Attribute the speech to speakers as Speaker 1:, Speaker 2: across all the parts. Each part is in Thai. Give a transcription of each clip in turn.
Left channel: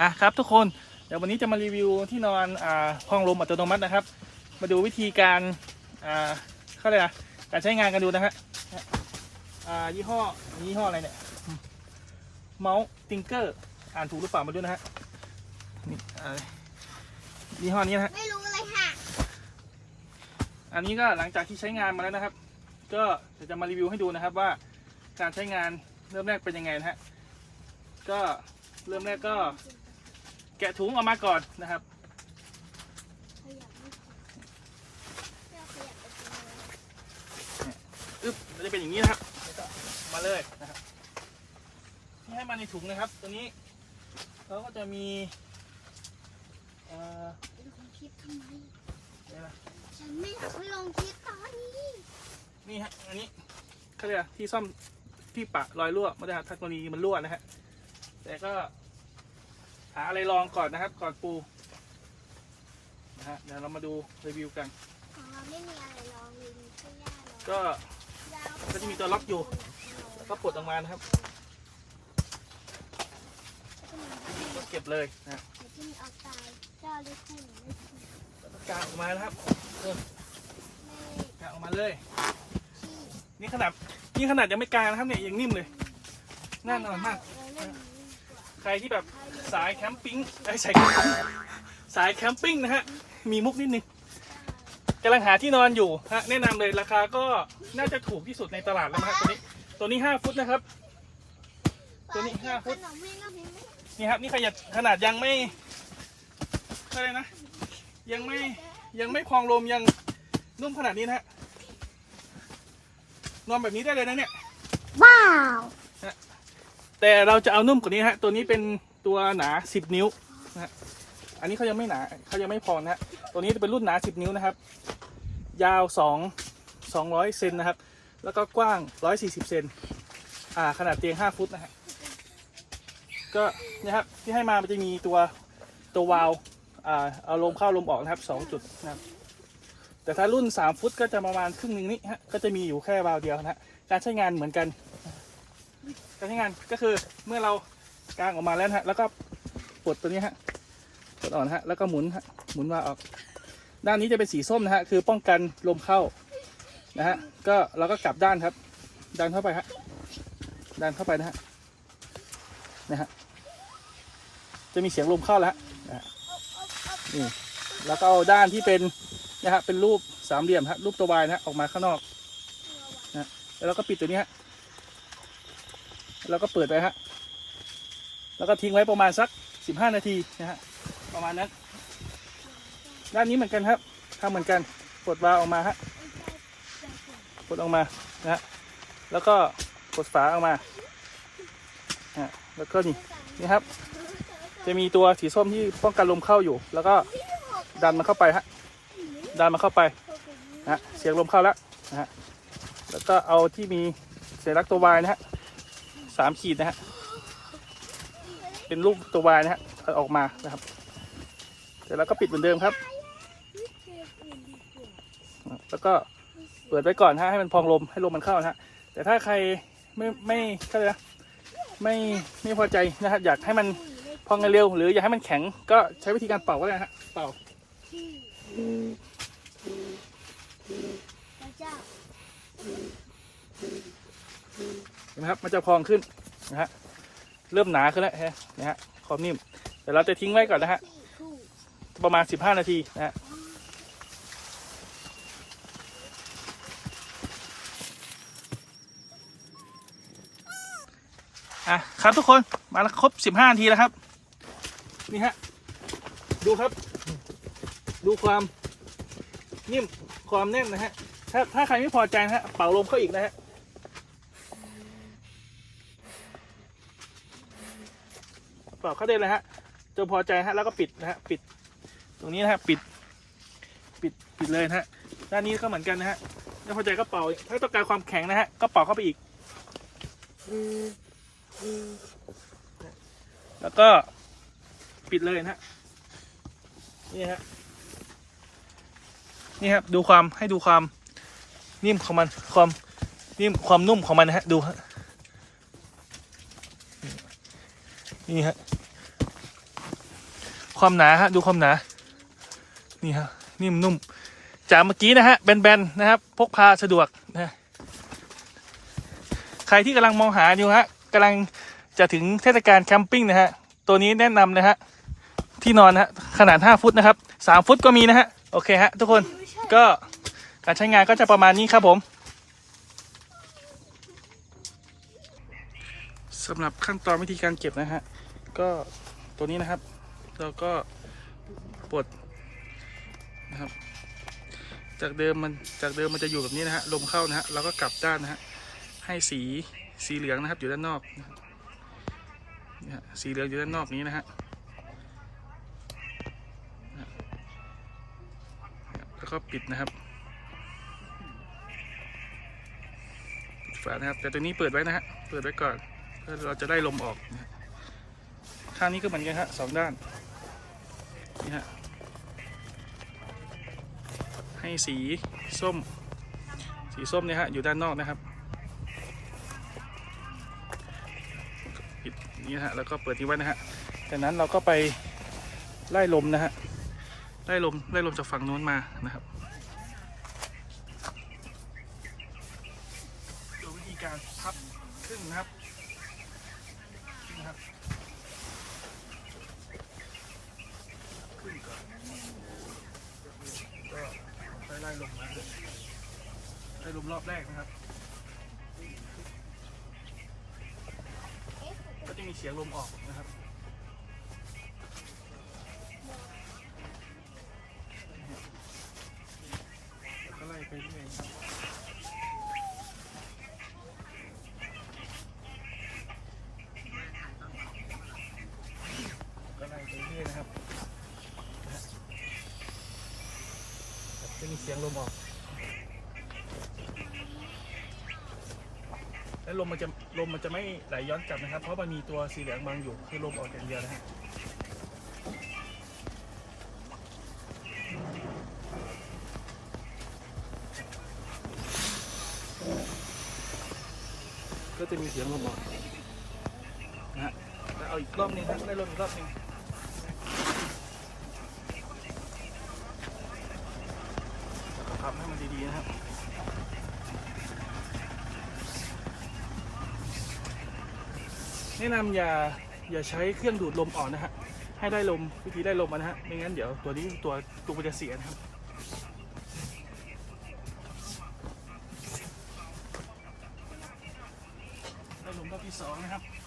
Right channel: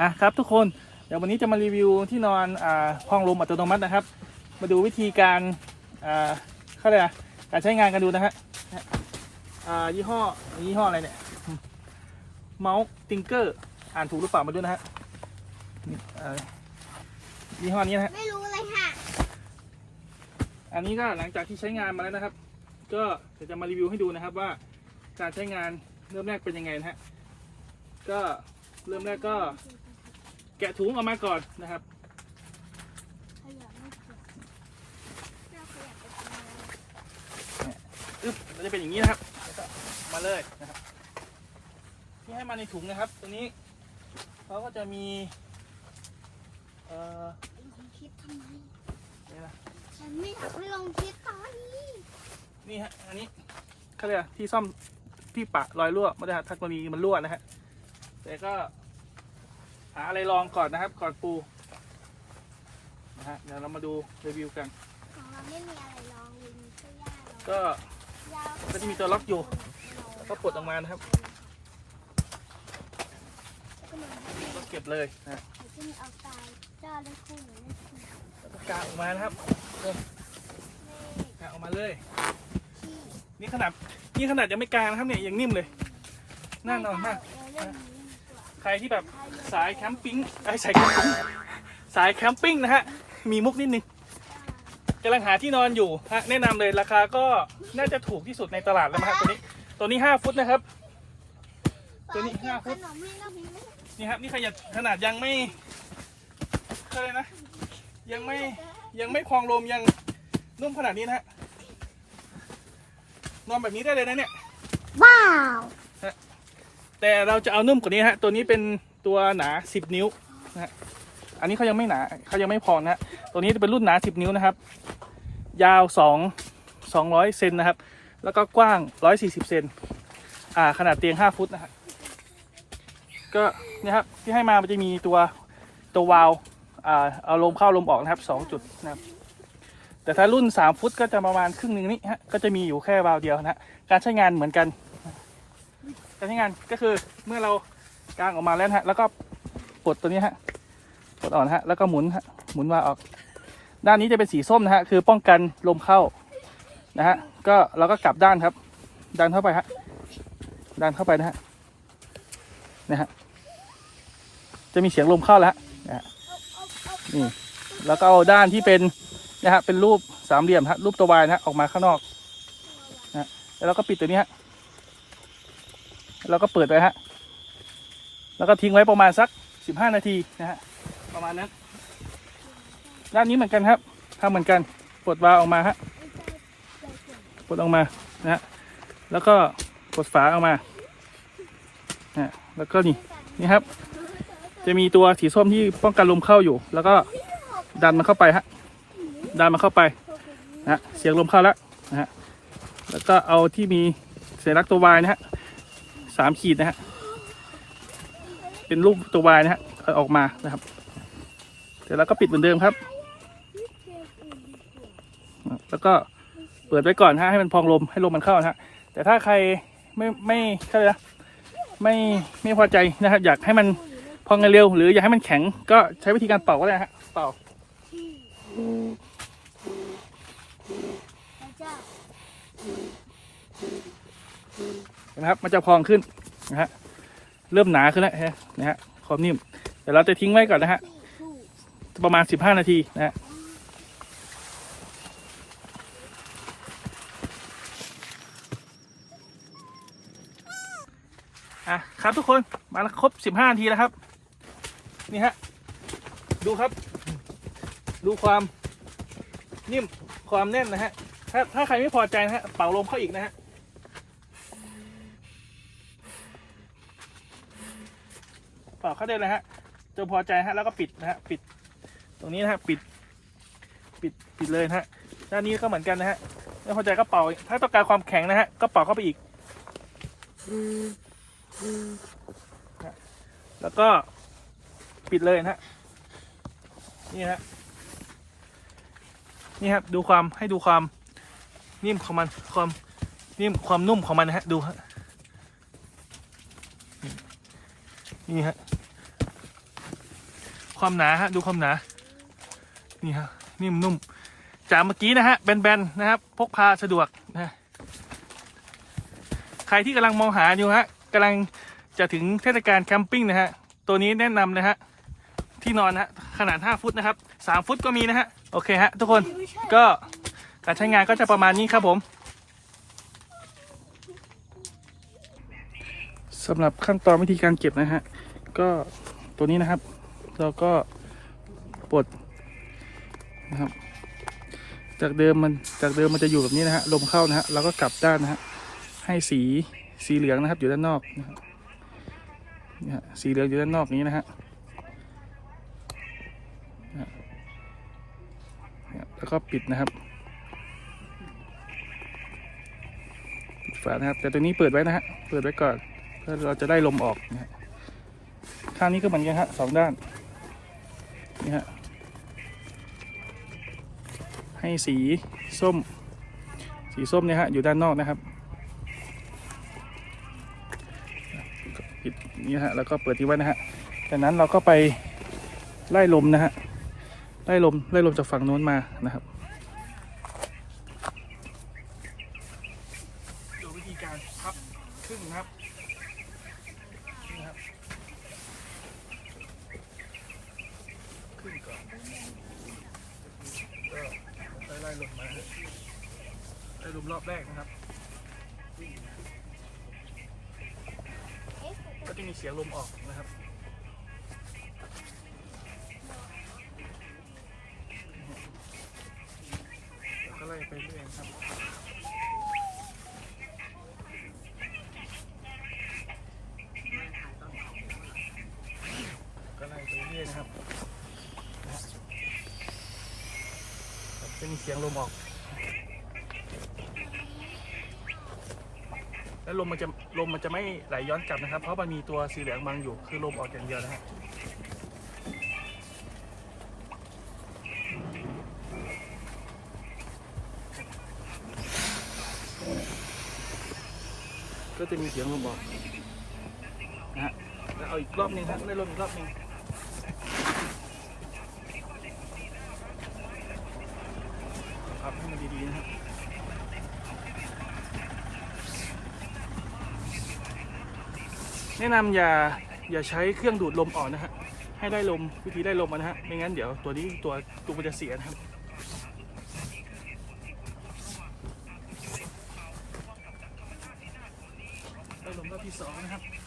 Speaker 1: อะครับทุกคนเดี๋ยววันนี้จะมารีวิวที่นอนอ่าห้องลมอัตโนมัตินะครับ มาดูวิธีการอ่าเขาเรียกอะไรการใช้งานกันดูนะฮะอ่ายี่ห้อยี่ห้ออะไรเนี่ยเมาส์ติงเกอร์อ่านถูกหรือเปล่ามาดูนะฮะนี่อ่ายี่ห้อนี้นะฮะ
Speaker 2: ไม่รู้เลยค่ะ
Speaker 1: อันนี้ก็หลังจากที่ใช้งานมาแล้วนะครับ ก็เดี๋ยวจะมารีวิวให้ดูนะครับว่าการใช้งานเริ่มแรกเป็นยังไงนะฮะก็เริ่มแรกก็ แกะถุงออกมาก่อนนะครับ อึ๊บมันจะเป็นอย่างนี้นะครับแล้วก็มาเลยนะครับ ที่ให้มาในถุงนะครับ ตัวนี้เขาก็จะมีเอ่อ
Speaker 2: คลิปทำไม
Speaker 1: นี่นะ
Speaker 2: ฉันไม่ไม่ลงคลิปตอนนี้
Speaker 1: นี่ฮะอันนี้เขาเรียกอะไรที่ซ่อมที่ปะรอยรั่วไม่ได้ครับทักกรณีมันรั่วนะฮะแต่ก็ หาอะไรรองก่อนนะครับ ก่อนปูนะฮะเดี๋ยวเรามาดูรีวิวกัน
Speaker 2: อ๋อไม่มีอะไรลองเลยมีแค่ยา
Speaker 1: ก็
Speaker 2: ยา
Speaker 1: ก็จะมีตัวล็อกอยู่ แล้วก็ปลดออกมานะครับก็เก็บเลยนะฮะ
Speaker 2: มันจะมีเอาตายยาได้คู่หรือไม่คู่
Speaker 1: แล้วก็กางออกมานะครับเริ่มกางออกมาเลย นี่ขนาดนี่ขนาดยังไม่กางนะครับเนี่ยยังนิ่มเลย แน่นอนมาก ใครที่แบบ สายแคมปิ้งไอ้ยสายแคมปิ้งสายแคมปิ้งนะฮะ มีมุกนิดนึงกำลังหาที่นอนอยู่ฮะแนะนำเลยราคาก็น่าจะถูกที่สุดในตลาดแล้วมั้งครับตัวนี้ ตัวนี้ห้าฟุตนะครับ ตัวนี้ห้าฟุต
Speaker 2: ขนมแม่ก็มีไม่
Speaker 1: นี่ครับนี่ขนาดขนาดยังไม่อะไรนะ ยังไม่ยังไม่พองลมยังนุ่มขนาดนี้นะฮะนอนแบบนี้ได้เลยนะเนี่ย
Speaker 2: ว้าว
Speaker 1: แต่เราจะเอานุ่มกว่านี้ฮะ ตัวนี้เป็น ตัวหนา 10 นิ้วนะฮะอันนี้เขายังไม่หนาเขายังไม่พอนะฮะตัวนี้จะเป็นรุ่นหนา 10 นิ้วนะครับ ยาว 2 200เซนนะครับ แล้วก็กว้าง 140เซนอ่าขนาดเตียง 5 ฟุตนะฮะก็เนี่ยครับที่ให้มามันจะมีตัวตัววาล์วอ่าเอาลมเข้าลมออกนะครับ2จุดนะครับแต่ถ้ารุ่น 3 ฟุตก็จะประมาณครึ่งหนึ่งนี้ฮะก็จะมีอยู่แค่วาล์วเดียวนะฮะการใช้งานเหมือนกันการใช้งานก็คือเมื่อเรา กางออกมาแล้วฮะ แล้วก็ปลดตัวนี้ฮะปลดอ่อนฮะ แล้วก็หมุนฮะ หมุนมาออก ด้านนี้จะเป็นสีส้มนะฮะ คือป้องกันลมเข้านะฮะ ก็เราก็กลับด้านครับ ดันเข้าไปฮะ ดันเข้าไปนะฮะ นะฮะ จะมีเสียงลมเข้าแล้วฮะนะฮะ นี่ แล้วก็เอาด้านที่เป็นนะฮะ เป็นรูปสามเหลี่ยมฮะ รูปตัววายนะฮะ ออกมาข้างนอกนะฮะแล้วเราก็ปิดตัวนี้ฮะเราก็เปิดไว้ฮะ แล้วก็ทิ้งไว้ประมาณสักสิบห้านาทีนะฮะประมาณนั้น ด้านนี้เหมือนกันครับทำเหมือนกันปลดวาล์วออกมาฮะปลดออกมานะฮะแล้วก็กดฝาออกมานะฮะแล้วก็นี่นี่ครับ จะมีตัวสีส้มที่ป้องกันลมเข้าอยู่ แล้วก็ดันมันเข้าไปฮะดันมันเข้าไปนะฮะเสียงลมเข้าแล้วนะฮะแล้วก็เอาที่มีสัญลักษณ์ตัววายนะฮะสามขีดนะฮะ เป็นรูปตัววายนะฮะออกมานะครับเดี๋ยวเราก็ปิดเหมือนเดิมครับ แล้วก็เปิดไว้ก่อนฮะให้มันพองลมให้ลมมันเข้านะฮะแต่ถ้าใครไม่ไม่ใช่นะไม่ไม่พอใจนะครับอยากให้มันพองเร็วหรืออยากให้มันแข็ง ก็ใช้วิธีการเป่าก็ได้ฮะเป่าเห็นไหมครับมันจะพองขึ้นนะฮะ เริ่มหนาขึ้นแล้วฮะนะฮะความนิ่มเดี๋ยวเราจะทิ้งไว้ก่อนนะฮะประมาณ 15 นาทีนะฮะอะครับทุกคนมาแล้วครบ 15 นาทีแล้วครับ นี่ฮะดูครับ ดูความนิ่มความแน่นนะฮะถ้าถ้าใครไม่พอใจนะฮะเป่าลมเข้าอีกนะฮะ เป่าเข้าได้เลยฮะจนพอใจฮะแล้วก็ปิดนะฮะปิด ตรงนี้นะฮะปิด ปิดปิดเลยนะฮะด้านนี้ก็เหมือนกันนะฮะไม่พอใจก็เป่าถ้าต้องการความแข็งนะฮะก็เป่าเข้าไปอีกแล้วก็ปิดเลยนะฮะนี่ฮะนี่ครับดูความให้ดูความนิ่มของมันความนิ่มความนุ่มของมันนะฮะดูฮะ นี่ฮะ ความหนาฮะ ดูความหนา นี่ฮะ นิ่มนุ่ม จากเมื่อกี้นะฮะ แบนๆ นะครับ พกพาสะดวกนะใครที่กำลังมองหาอยู่ฮะกำลังจะถึงเทศกาลแคมปิ้งนะฮะ ตัวนี้แนะนำนะฮะ ที่นอนนะฮะ ขนาด 5 ฟุตนะครับ 3 ฟุตก็มีนะฮะ โอเคฮะ ทุกคน ก็การใช้งานก็จะประมาณนี้ครับผม สำหรับขั้นตอนวิธีการเก็บนะฮะ ก็ตัวนี้นะครับ เราก็ปลดนะครับ จากเดิมมันจากเดิมมันจะอยู่แบบนี้นะฮะลมเข้านะฮะเราก็กลับด้านนะฮะให้สีสีเหลืองนะครับ อยู่ด้านนอกนะครับนี่ฮะสีเหลืองอยู่ด้านนอกนี้นะฮะนะฮะแล้วก็ปิดนะครับปิดฝานะครับ แต่ตัวนี้เปิดไว้นะฮะเปิดไว้ก่อน เพื่อเราจะได้ลมออกนะข้างนี้ก็เหมือนกันฮะสองด้านนี่ฮะให้สีส้ม สีส้มเนี่ยฮะอยู่ด้านนอกนะครับปิดนี่ฮะแล้วก็เปิดทิ้งไว้นะฮะจากนั้นเราก็ไปไล่ลมนะฮะไล่ลมไล่ลมจากฝั่งโน้นมานะครับ ดูวิธีการพับครึ่งนะครับ นี่นะครับครึ่ง ก่อนก็ค่อยไล่ลมมาไล่ลมรอบแรกนะครับ ก็จะมีเสียงลมออกนะครับแล้วก็ไล่ไปเรื่อยครับ ก็ไล่ไปเรื่อยนะครับครับจะ มีเสียงลมออก แล้วลมมันจะลมมันจะไม่ไหลย้อนกลับนะครับ เพราะมันมีตัวสีเหลืองบังอยู่ คือลมออกอย่างเดียวนะฮะก็จะมีเสียงลมออกนะฮะแล้วเอาอีกรอบหนึงฮะไล่ลมอีกรอบหนึง แล้วก็พับให้มันดีๆนะครับแนะนำอย่าอย่าใช้เครื่องดูดลมออกนะฮะให้ได้ลมวิธีได้ลมมานะฮะไม่งั้นเดี๋ยวตัวนี้ตัวตัวมันจะเสียนะครับได้ลมรอบที่สองนะครับ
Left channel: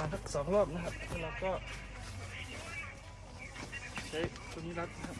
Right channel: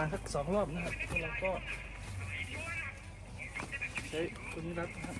Speaker 1: มาณสักสองรอบนะครับแล้วเราก็ใช้ตัวนี้รัดนะครับ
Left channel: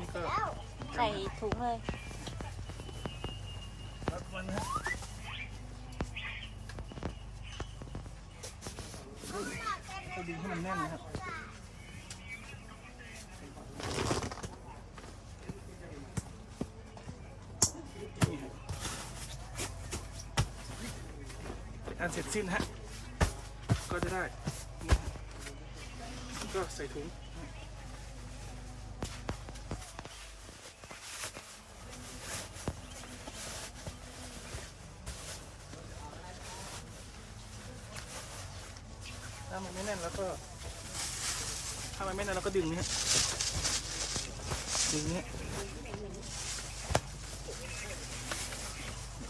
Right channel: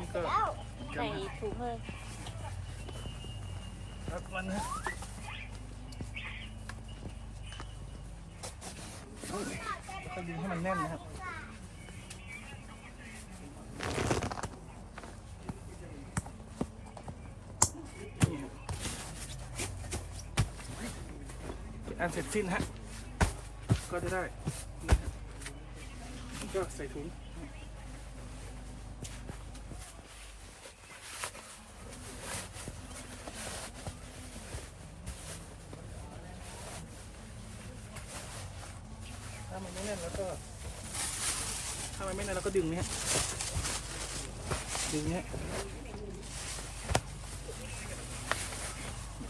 Speaker 1: นี้ก็
Speaker 3: ใส่ถุงเลย
Speaker 1: รัดมันนะฮะค่อยดึงให้มันแน่นนะครับนี่ฮะเป็นอันเสร็จสิ้นฮะ ก็จะได้นะฮะก็ใส่ถุงถ้ามันไม่ แล้วก็ ถ้ามันไม่แน่นเราก็ดึงนี่ฮะดึงเนี่ฮะ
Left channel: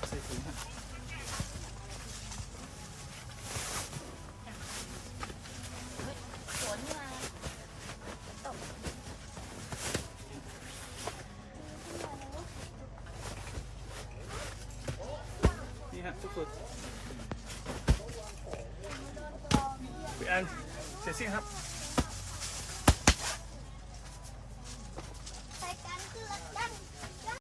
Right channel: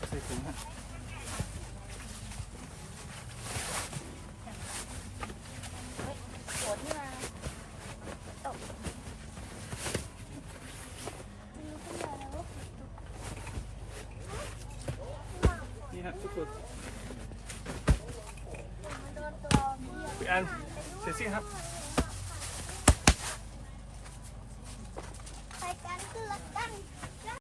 Speaker 1: ใส่ถุงฮะนี่ฮะทุกคนพี่อัน เสร็จสิ้นครับ